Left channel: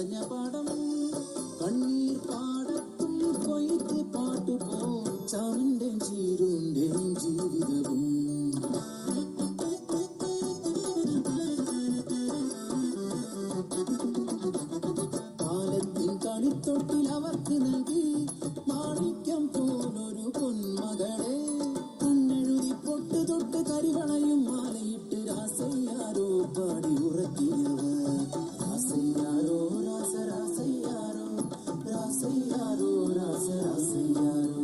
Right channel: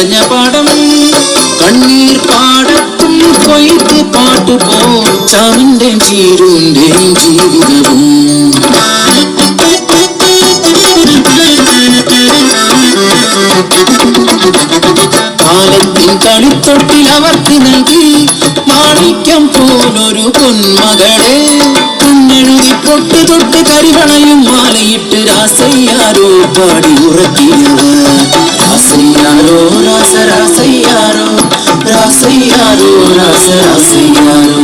വിളഞ്ഞ പാടം കണ്ണീർ പാടത്തും കൊയ്ത്ത് പാട്ടുപോ ചാമിന്റെ ചീരുന്റെയും ജീവിതവും കാലത്തിൻ കളിത്തൊട്ടിൽ അവർക്ക് നൽകി മാണിക്യം പോലൊരു പൊന്മകളെ പൊന്നെഴുതി പൊട്ട് തൊട്ട് കരിവളയും മാലയിട്ട് രാസയ്യാരോ പാടി ഉറക്കിയവർ രാസയ്യാരോ രാസരാസയ്യാരോ രാസയ്യാരോ രാസരാസയ്യാരോ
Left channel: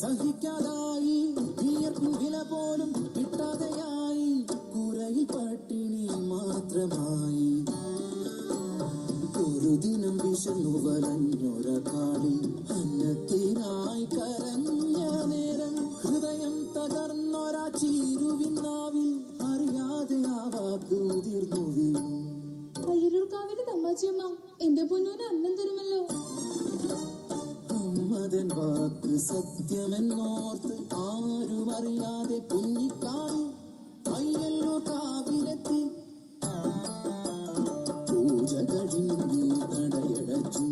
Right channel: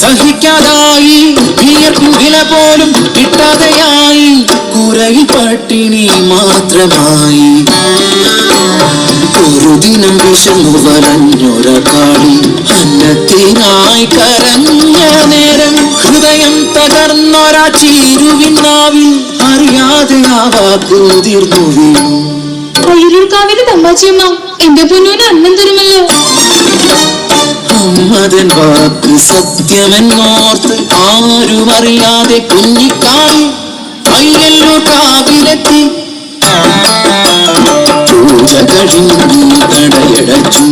സഹിക്കാതായി വിയർക്കും വില പോലും കിട്ടാതെയായി കുരയിൽ പട്ടിണി മാത്രമായി ഒരു ദിനം വിഷമു വലഞ്ഞൊരക്കാളി അന്നത്തിനായി കരഞ്ഞ നേരം ഹൃദയം തകർന്നൊരാ ചീരുവിനാവിൽ അറിയാതെ ആ വാക്കുതിർന്നു വീണു. അയ്യൂർക്കാവിലെ തമ്പാച്ചിയമ്മ എന്റെ പൊന്നൂന് അന്നം തരുമല്ലോ. മതൻ വാക്ക് സത്യമെന്നോർത്ത് ആരും അറിയാതെ കുഞ്ഞിക്കാളി അയ്യല്ലൂർ കാവിലെത്തി. പൂജ കഴിഞ്ഞു കടയടച്ചു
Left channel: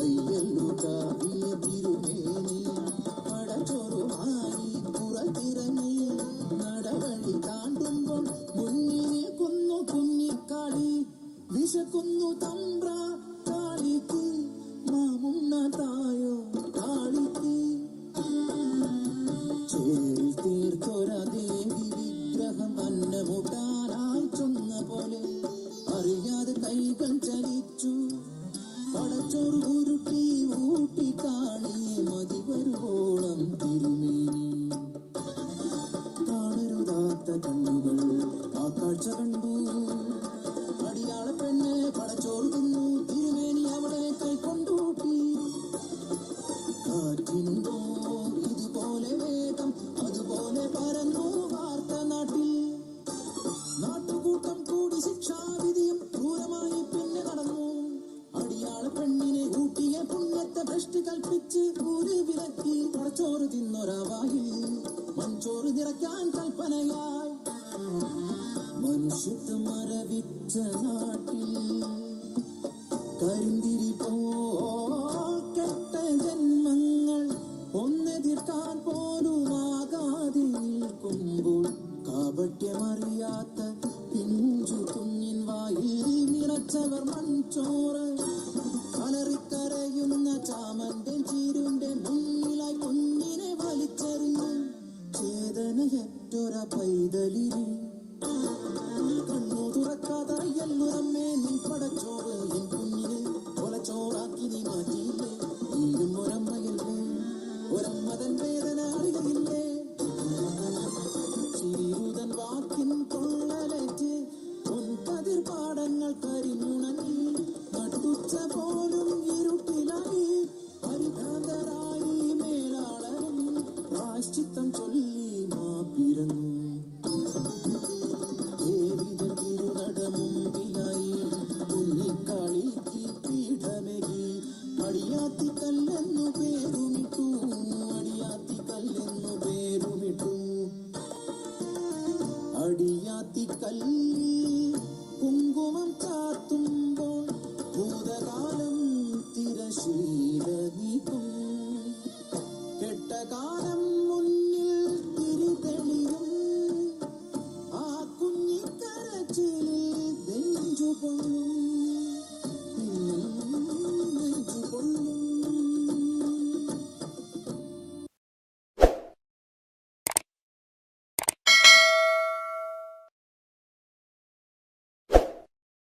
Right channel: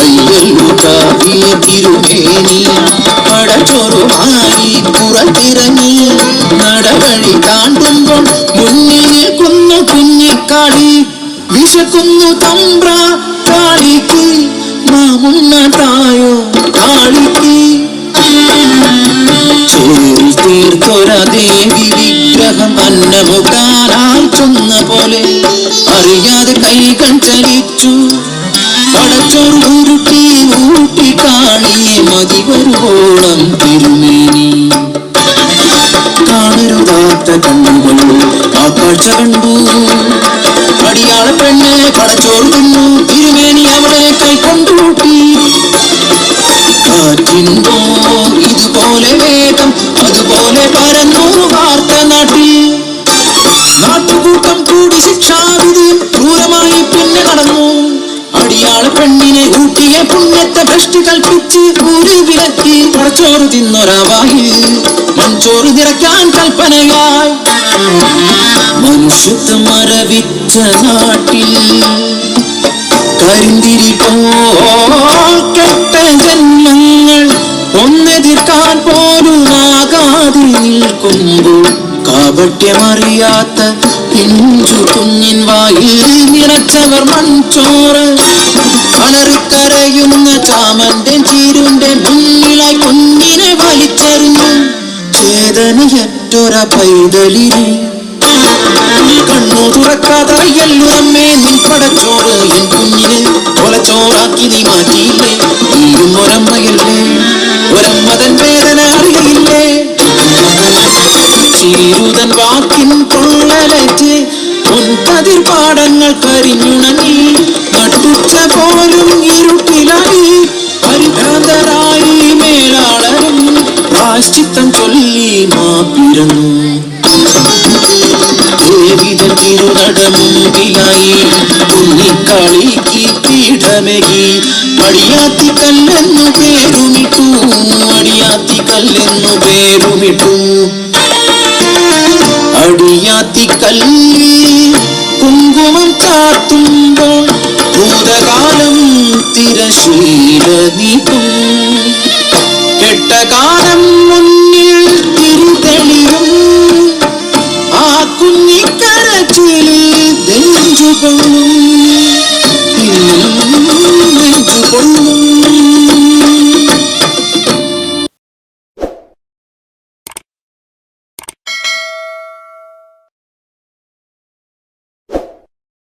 അയ്യല്ലൂർ കാവിലെ തിരുമേനി പടച്ചോറുമായി പുറത്തിറങ്ങി. നടവഴി താണ്ടുമ്പോൾ മുന്നിൽ നിൽക്കുന്നു കുഞ്ഞിക്കാളി. വിശക്കുന്നു തമ്പ്ര കാളിക്ക് മാമുണ്ണതായോ കാളിക്ക്. ചേരി തീർത്തൊര ദേവി വിഗ്രഹം അന്നമുട്ടാനായി ചൊന്ന പോലെ അറിയാതെ കൈകൾ ചലിച്ചു. പടച്ചോറ് ഉരുട്ടി ഊട്ടി കാളിയെ മതി വരുവോളം തിരുമേനി. കാണരുതാത്ത കണ്ണുകൾ ആ കാഴ്ച കണ്ടു. അടിയാള പെണ്ണ് പടച്ചോറ് തിന്നു. തിരുമേനി അവളെ കൈക്കൊണ്ടൂട്ടി. കാറ്റിനുണ്ടോ ഇതുപോലെ വേഗം അതുപോലെ പരന്നു വാർത്ത നാട്ടിൽ. നാട്ടുകൂട്ടം കൂടി ശിക്ഷാവിധിയും ക്രൂരമായി പിന്നെ നടന്നു. അടിയാള പെണ്ണിനെ ഊട്ടിയ പുണ്യത്തെ ഭ്രഷ്ടി കൽപ്പിച്ച് ഊരി വിലക്കി. പടച്ചോറ് തിന്നൊരാവായി മൺചോറ് നിറയ്ക്കാൻ കൽപ്പനയായി. മനുഷ്യത്വം മരവിച്ച നാട്ടിൽ കരിന്തിരി പോൽ കെട്ട ജന്മങ്ങൾ ഒന്നെതിർക്കാൻ പോലും ആകാതെ നിൽക്കുമ്പോൾ കാപട്യമറിയാത്ത പിഞ്ചു കുഞ്ഞിൻ വായിൽ നിറച്ചവർ മൺചോറ്. അലറിക്കരയുന്ന ചാമന്റെ ചീരുന്റെ മുന്നിലായി കുഞ്ഞിനെ വലിച്ചെറിഞ്ഞു. ചേതനയറ്റൊര പൈതലിനെ കണ്ണു തുറക്കാതെ അയ്യല്ലൂരമ്മേ നിൻ പടച്ചോറ് എൻ കുഞ്ഞിനെ കൊലച്ചോറാക്കി നീ മാറ്റിയില്ലേ. നീയും ഒരമ്മയല്ലേ, ഒരമ്മതൻ വേദന അറിയില്ലേ. ചീരുതൻ വാക്കിൻ കൊള്ളലേറ്റ് പൊൻകതിർ പാടങ്ങൾ കരിഞ്ഞുണങ്ങി. നട്ടുച്ച പോലും ഇരുട്ടിലായി പരിഭ്രാന്തരായി മേലാളരും പ്രായശ്ചിത്തം ചൊല്ലി മാപ്പിരുന്നു. ദേവിതൻ തിരുനടമുമ്പിലായി കുഞ്ഞിക്കാളിക്ക് പീഠമേകി. അടിയാത്തിക്കല്ലെന്നു പേരുമിട്ടു, അടിയാത്തിക്കല്ലെന്നു പേരുമിട്ടു. അടിയാത്തിക്കല്ല്